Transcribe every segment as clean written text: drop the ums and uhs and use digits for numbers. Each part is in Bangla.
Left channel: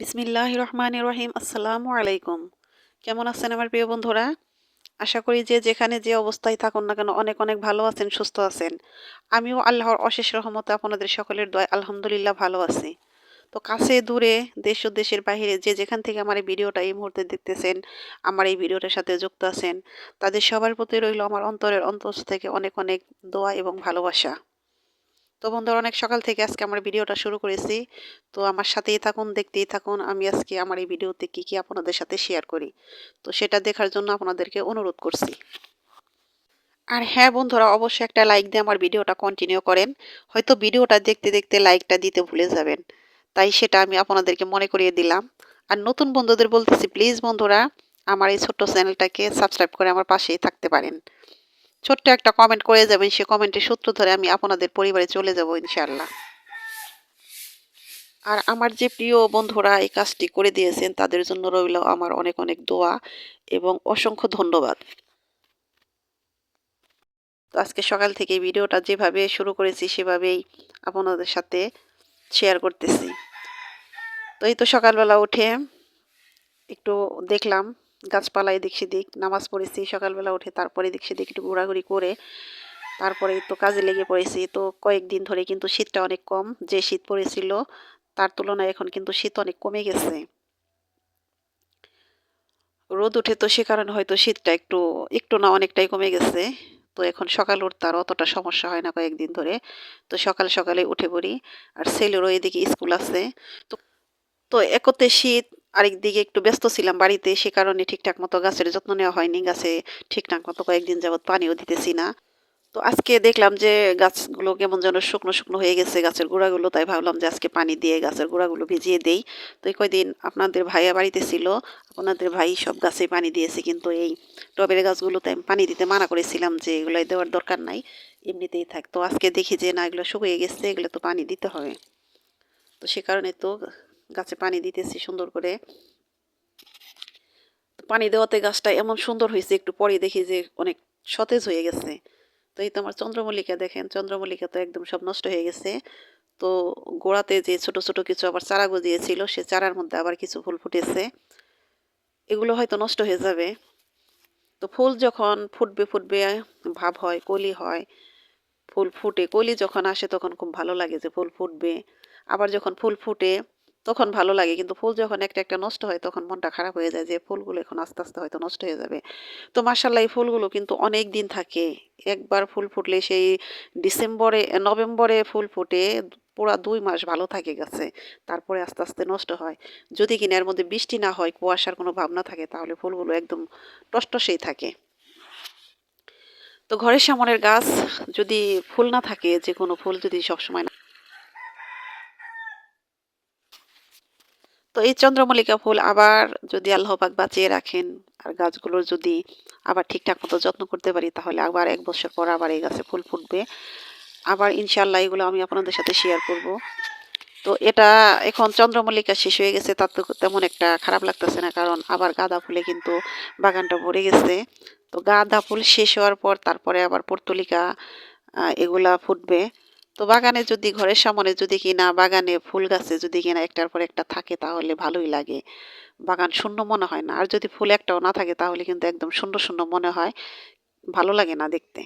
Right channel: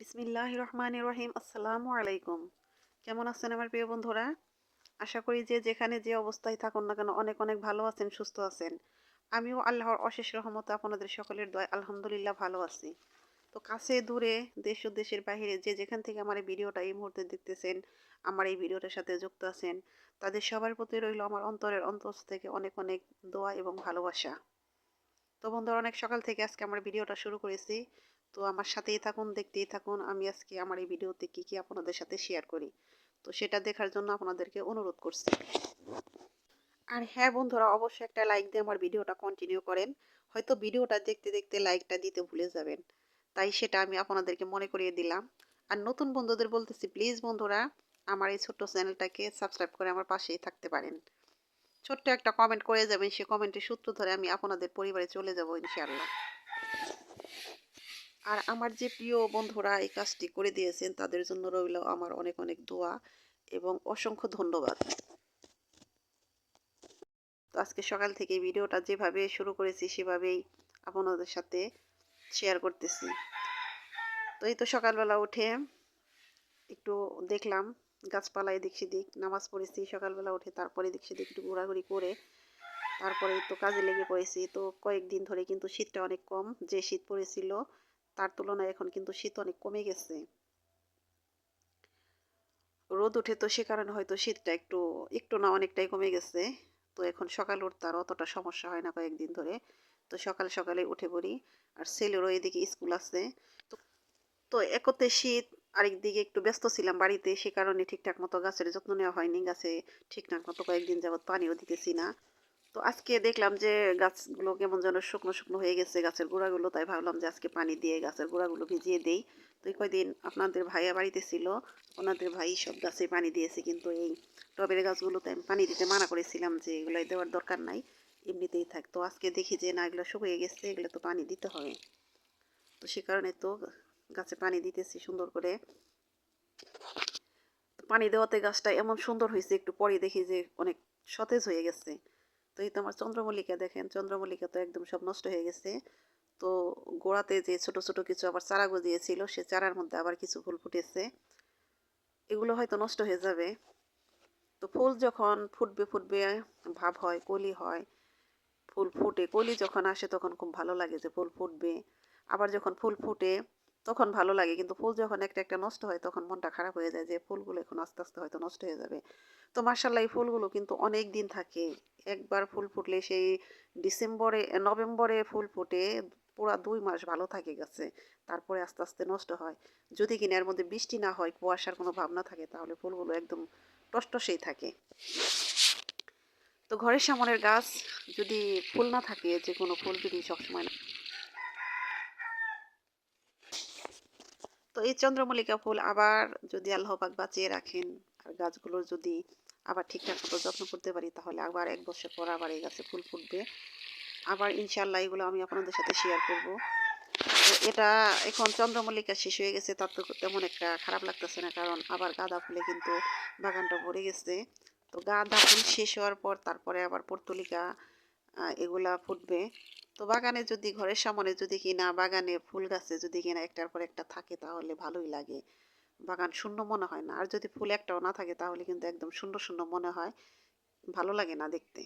বিসমিল্লাহির রহমানির রহিম। আসসালামু আলাইকুম। কেমন আছেন আমার প্রিয় বন্ধুরা? আশা করি যে যেখানে যে অবস্থায় থাকুন না কেন অনেক অনেক ভালো আছেন, সুস্থ আছেন। আমিও আল্লাহর অশেষ রহমতে আপনাদের সকলের দয়ায় আলহামদুলিল্লাহ ভালো আছি। তো কাছে দূরে, দেশ ও দেশের বাহিরে যে যেখান থেকে আমার এই ভিডিওটা এই মুহূর্তে দেখতেছেন, আমার এই ভিডিওটার সাথে যুক্ত আছেন, তাদের সবার প্রতি রইল আমার অন্তরের অন্তঃস্থ থেকে অনেক অনেক দোয়া এবং ভালোবাসা। তো বন্ধুরা, অনেক সকাল থেকে আজকে আমার ভিডিওটা শুরু করেছি। তো আমার সাথেই থাকুন, দেখতেই থাকুন। আমি আজকে আমার এই ভিডিওতে কি কি আপনাদের সাথে শেয়ার করি, তো সেটা দেখার জন্য আপনাদেরকে অনুরোধ করছি। আর হ্যাঁ বন্ধুরা, অবশ্যই একটা লাইক দিয়ে আমার ভিডিওটা কন্টিনিউ করেন। হয়তো ভিডিওটা দেখতে দেখতে লাইকটা দিতে ভুলে যাবেন, তাই সেটা আমি আপনাদেরকে মনে করিয়ে দিলাম। আর নতুন বন্ধুদের বলতেছি, প্লিজ বন্ধুরা, আমার এই ছোট্ট চ্যানেলটাকে সাবস্ক্রাইব করে আমার পাশেই থাকতে পারেন। ছোট্ট একটা কমেন্ট করে যাবেন, সে কমেন্টের সূত্র ধরে আমি আপনাদের পরিবারে চলে যাব ইনশাআল্লাহ। আর আমার যে প্রিয় বন্ধুরা এই কাজটি করে দিয়েছেন তাদের জন্য রইল আমার অনেক অনেক দোয়া এবং অসংখ্য ধন্যবাদ। তো আজকে সকাল থেকে ভিডিওটা যেভাবে শুরু করেছি সেভাবেই আপনাদের সাথে শেয়ার করতেছি। তো এই তো সকালবেলা উঠে একটু দেখলাম গাছপালা এদিক সেদিক, নামাজ পড়েছি সকালবেলা উঠে, তারপরে এদিক সেদিক একটু ঘোরাঘুরি করে তারপরে তো কাজে লেগে পড়েছি। তো কয়েকদিন ধরে কিন্তু শীতটা অনেক কম, যে শীত পড়েছিল তার তুলনায় এখন কিন্তু শীত অনেক কমে গেছে। রোদ উঠে তো সে কারণে হয়তো শীতটা একটু একটু না অনেকটাই কমে গেছে। তো এখন সকাল উঠতে আর অতটা সমস্যা হয় না কয়েকদিন ধরে। তো সকাল সকালে উঠে পড়ি। আর ছেলেরও এদিকে স্কুল আছে। তো তো একতে শীত, আরেকদিকে একটু ব্যস্ত ছিলাম বাড়িতে, সে কারণে ঠিকঠাক মতো গাছের যত্ন নেওয়া হয়নি। গাছে ঠিকঠাক মতো কয়েকদিন যাবৎ পানিও দিতেছি না। তো আজকে দেখলাম যে গাছগুলো কেমন যেন শুকনো শুকনো হয়ে গেছে, গাছের গোড়াগুলো, তাই ভাবলাম যে আজকে পানি দিয়ে গাছের গোড়াগুলো ভিজিয়ে দেই। তো এই কয়দিন আপনাদের ভাইয়া বাড়িতে ছিল, আপনাদের ভাই সব গাছে পানি দিয়েছে, কিন্তু এই টবের গাছগুলোতে আমি পানি দিতে মানা করেছিলাম যে এগুলো দেওয়ার দরকার নাই, এমনিতেই থাক। তো আজকে দেখি যে না, এগুলো শুকিয়ে গেছে, এগুলো তো পানি দিতে হবে। তো সে কারণে তো গাছে পানি দিতেছি সুন্দর করে। পানি দেওয়াতে গাছটা এমন সুন্দর হয়েছে, একটু পরে দেখি যে অনেক সতেজ হয়ে গেছে। তো এই তো আমার চন্দ্রমল্লিকা দেখেন, চন্দ্রমল্লিকা তো একদম সব নষ্ট হয়ে গেছে। তো গোড়াতে যে ছোট ছোট কিছু আবার চারা গজিয়েছিল, সে চারার মধ্যে আবার কিছু ফুল ফুটেছে, এগুলো হয়তো নষ্ট হয়ে যাবে। তো ফুল যখন ফুটবে ফুটবে ভাব হয়, কলি হয়, ফুল ফুটে কলি যখন আসে তখন খুব ভালো লাগে যে ফুল ফুটবে। আবার যখন ফুল ফুটে তখন ভালো লাগে, কিন্তু ফুল যখন একটা একটা নষ্ট হয় তখন মনটা খারাপ হয়ে যায় যে ফুলগুলো এখন আস্তে আস্তে হয়তো নষ্ট হয়ে যাবে। তো মার্শাল্লাহ এই ফুলগুলো কিন্তু অনেক দিন থাকে। একবার ফুল ফুটলে সেই ডিসেম্বরে নভেম্বরে ফুল ফুটে পুরা 2 মাস ভালো থাকে গাছে, তারপরে আস্তে আস্তে নষ্ট হয়। যদি কিনা এর মধ্যে বৃষ্টি না হয়, কুয়াশার কোনো ভাবনা থাকে, তাহলে ফুলগুলো একদম টসটসেই থাকে। তো ঘরের সামনের গাছ যদি ফুল না থাকে, যে কোনো ফুল যদি সবসময় না, তো এই চন্দ্রমল্লিকা ফুল আবার যদি আল্লাহ পাক বাঁচিয়ে রাখেন আর গাছগুলোর যদি আবার ঠিকঠাক মতো যত্ন করতে পারি, তাহলে আবার 1 বছর পর আবার এই গাছে ফুল ফুটবে। আবার ইনশাল্লাহ এগুলো আমি আপনাদের সাথে শেয়ার করব। তো এটা এখন চন্দ্রমল্লিকা শেষ হয়ে গেছে, তার তো তেমন একটা খারাপ লাগতেছে না, কারণ আবার গাঁদা ফুলে কিন্তু বাগানটা ভরে গেছে। তো গাঁদা ফুল শেষ হওয়ার পর তারপরে আবার পর্তুলিকা এগুলা ফুটবে। তো বাগানে যদি ঘরের সামনে যদি কিনা বাগানে ফুল গাছে যদি কিনা একটার পর একটা থাকে তাহলে ভালোই লাগে, বাগান শূন্য মনে হয় না। আর যদি ফুল একটাও না থাকে তাহলে কিন্তু একদম শূন্য শূন্য মনে হয়, ভালো লাগে না দেখতে।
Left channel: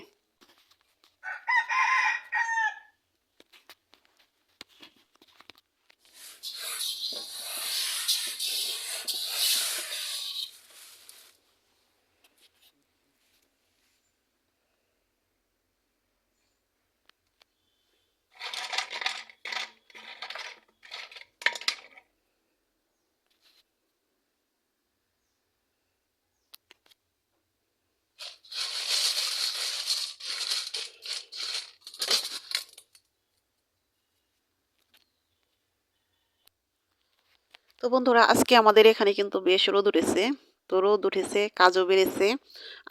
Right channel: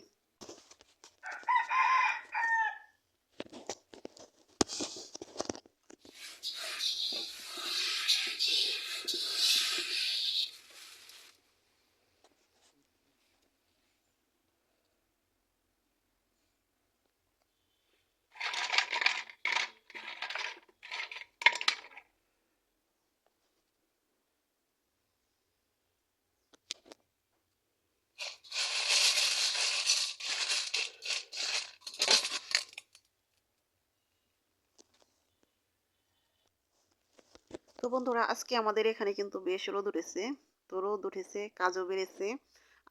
তো বন্ধুরা, আজকে আমাদের এখানে কিন্তু বেশ রোদ উঠেছে। তো রোদ উঠেছে, কাজও বেড়েছে।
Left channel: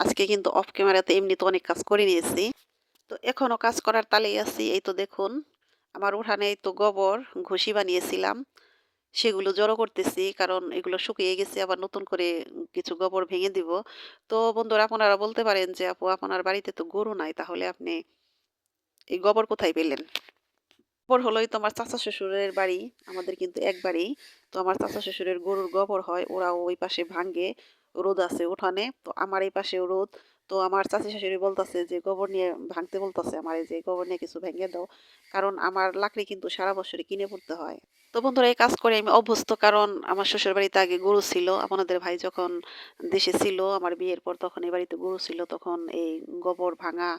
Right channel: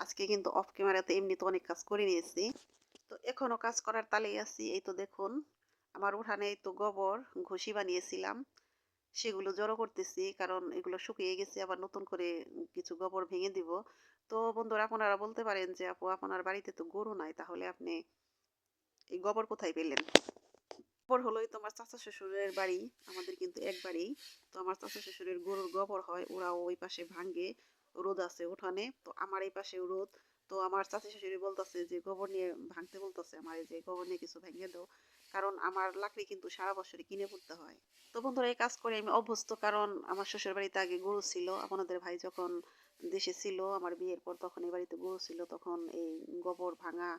আজকে কিন্তু অফ ক্যামেরাতে এমনিতে অনেক কাজ করে নিয়েছি। তো এখনো কাজ করার তালেই আছি। এই তো দেখুন, আমার উঠানে এই তো গোবর ঘষি বানিয়েছিলাম, সেগুলো জড়ো করতেছি, কারণ এগুলো শুকিয়ে গেছে, আবার নতুন করে কিছু গোবর ভেঙে দিব। তো বন্ধুরা, আপনারা বলতে পারেন যে আপু আপনার বাড়িতে তো গরু নাই, তাহলে আপনি এই গোবর কোথায় পেলেন? গোবর হলোই তো আমার চাচা শ্বশুরের বাড়ি। আমাদের কিন্তু এক বাড়ি। তো আমার চাচা শ্বশুরের গরুর গোবর হয়। ওরা ওই পাশে ভাঙ্গে। রোদ আছে উঠানে। তো আমার এই পাশেও রোদ। তো আমার চাচী শাশুড়ি বলতাছে যে গোবর নিয়ে ভাঙতে বলতাছে আমারে যে গোবর নিয়ে কিছু ভেঙে দাও। কারণ আমার লাকড়ি কিন্তু সারা বছরই কিনে পড়তে হয়। তো বন্ধুরা এই কাজ করে আমি অভ্যস্ত, কারণ আমার শ্বশুর বাড়িতে আগে গরু ছিল। আপনাদের ভাই যখন দেশে ছিল আমার বিয়ের পর, তখন এই বাড়িতে গরু ছিল, তখন এই গোবর ভাঙা,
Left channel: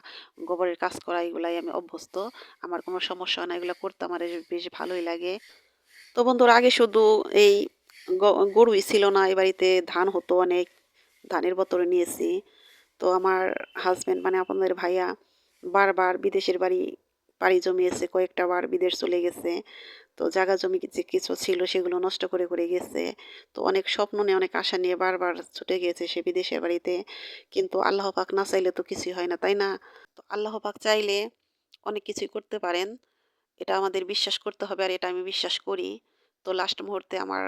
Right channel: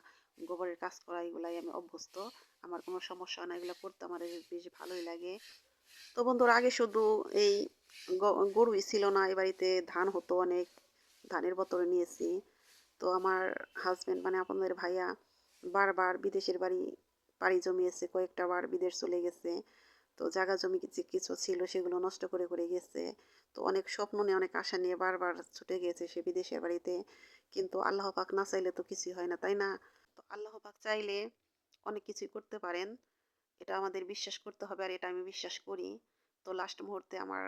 গোবরের কাজ করা এগুলাই আমি অভ্যস্ত। আমার কোনো সমস্যা হয় না, এগুলো করতে আমার বেশ ভালোই লাগে। তো বন্ধুরা আগে শুধু এই গরুই ছিল না, এই বাড়িতে ধান হতো অনেক। ধানের বতরে নিয়েছি। তো আমার হাজবেন্ড মানে আপনাদের ভাইয়া বারবার বিদেশের বাড়ি পাড়ি জমিয়েছে, কয়েকটা বার বিদেশ চলে গেছে। তো জায়গা জমি যে কিছু ছিল সেগুলো নষ্ট করে করে গেছে। তো অনেক স্বপ্ন নিয়ে অনেক আশা নিয়ে বারবার ছুটে গিয়েছে সে বিদেশের বাড়িতে। কিন্তু আল্লাহ পাক না চাইলে তো কিছুই হয় না, তাই না? তো আল্লাহ পাক চাইলে অনেক কিছুই করতে পারেন। এটা আমাদের বিশ্বাস করতে হবে, আর এটা আমি বিশ্বাস করি। তো লাস্ট মুহূর্তে আমার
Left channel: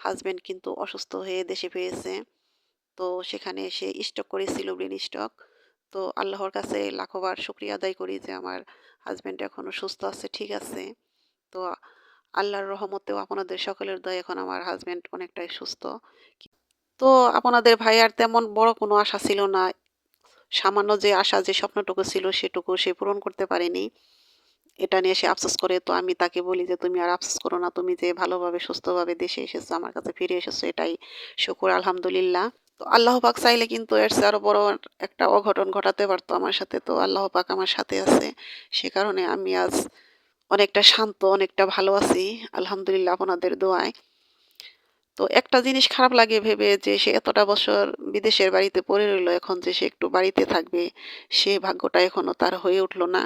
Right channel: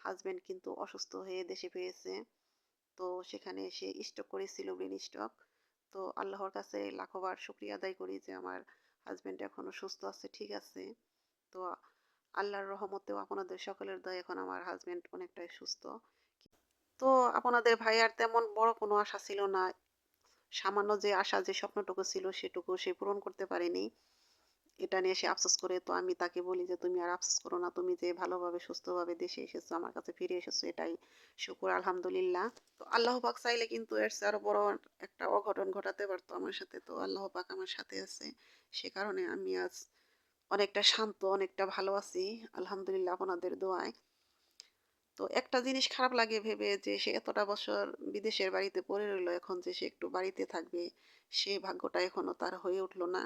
হাজবেন্ড কিন্তু অসুস্থ হয়ে দেশে ফিরেছে। তো সেখানে সে স্ট্রোক করেছিল, ব্রেন স্ট্রোক। তো আল্লাহর কাছে লাখবার শুকরিয়া আদায় করি যে আমার হাজবেন্ড এখনো সুস্থ আছে, ঠিক আছে। তো আল্লাহর রহমতেও আপনাদের সকলের দয়ায় এখন আমার হাজবেন্ড অনেকটাই সুস্থ। তো আপনাদের ভাইয়ার তেমন বড় কোনো আশা ছিল না। সামান্য যে আশা, যে স্বপ্নটুকু ছিল সেটুকু সে পূরণ করতে পারেনি। এটা নিয়ে সে আফসোস করে। তো আমি তাকে বলি যে তুমি আর আফসোস করো না। তুমি যে ভালোভাবে সুস্থভাবে দেশে এসেছো, আমার কাছে ফিরে এসেছো, এটাই শুকুর আলহামদুলিল্লাহ। তো আল্লাহ পাক চাইলে কিন্তু এর চেয়ে আরো বড় একটা অঘটন ঘটাতে পারতো আমার সাথে। তো আল্লাহ পাক আমার সাথে আছে। সে কারণে আমি আজ অনেকটা শান্ত, অনেকটা ভালো আছি। আলহামদুলিল্লাহ আপনাদের দোয়ায়। তো একটা জিনিস খারাপ লাগে ভেবে যে সে এতটা বছর বিদেশের বাড়িতে পড়ে রইল, এখন যে সে একটু বাড়িতে থাকবে, সে ভাগ্যটা এখনো তার হয়ে উঠল না।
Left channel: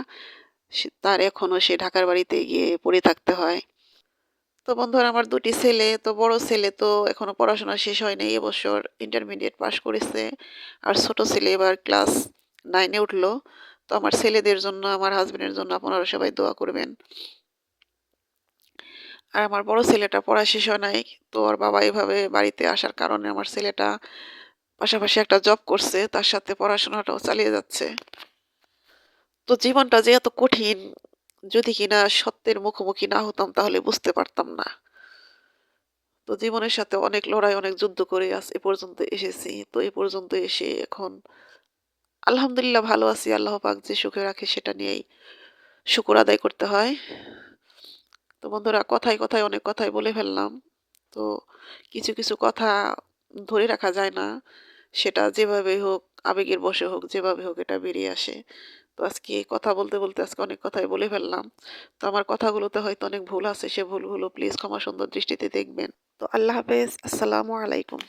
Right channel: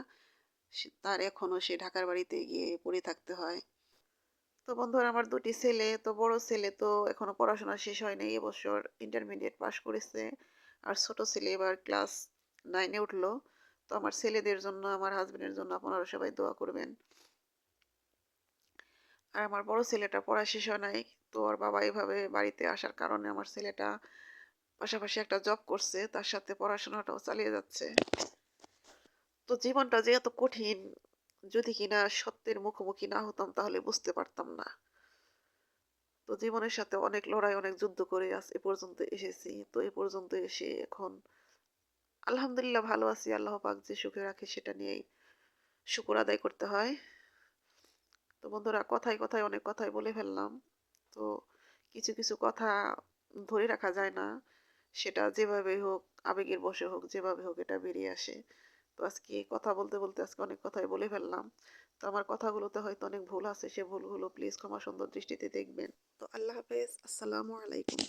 তার এখনো সে ঢাকার বাড়িতে গিয়ে পড়ে থাকতে হয়। তো বন্ধুরা আমার ২ টি ছেলে। তো বড় ছেলে তো এখনো পড়াশোনা শেষ হয়নি। এবছর ইন্টারমিডিয়েট পাস করেছে। আর ছোট ছেলে এবার ক্লাস 9 এ উঠলো। তো আমার ছেলেদের জন্য, আমার হাসব্যান্ডের জন্য আপনারা সবাই দোয়া করবেন। আর আমার বড় ছেলেটা পড়া শেষ হয় নাই। তো ওর বাবা এভাবে বাড়িতে আসার কারণে আমার ছেলেটা পাশাপাশি একটা জব করছে। তার সাথে পড়াশোনাটাও চালিয়ে যাচ্ছে। তো জীবনটা যে এত কঠিন, যদি কিনা সত্যের মুখোমুখি না হতাম তাহলে বুঝতে পারতাম না। তো জীবনের সাথে অনেক লড়াই, অনেক যুদ্ধ করে আজ এ পর্যন্ত এসেছি। তো এ পর্যন্ত এসে এখন আলহামদুলিল্লাহ ভালো আছি। আল্লাহ পাক যে সুখে রাখে সেটা নিয়েই শুকর আদায় করতে হয়। তো বন্ধুরা কথায়, কথায় অনেক কথাই বলে ফেললাম। তো কিছু, কিছু কথা ধরে রাখা যায় না। সেটা যেভাবেই হোক, আবেগের বশে হোক, যেভাবে হোক এটা বেরিয়ে আসে। তো আজকে কথা বলতে, বলতে আজকে অনেক কথাই বলে ফেললাম। তো আমার কথাগুলোতে হয়তো অনেক ভুল আছে। সে ভুলগুলো প্লিজ ক্ষমা সুন্দর দৃষ্টিতে দেখবেন। তো আল্লাহ হাফেজ। আসসালামু আলাইকুম।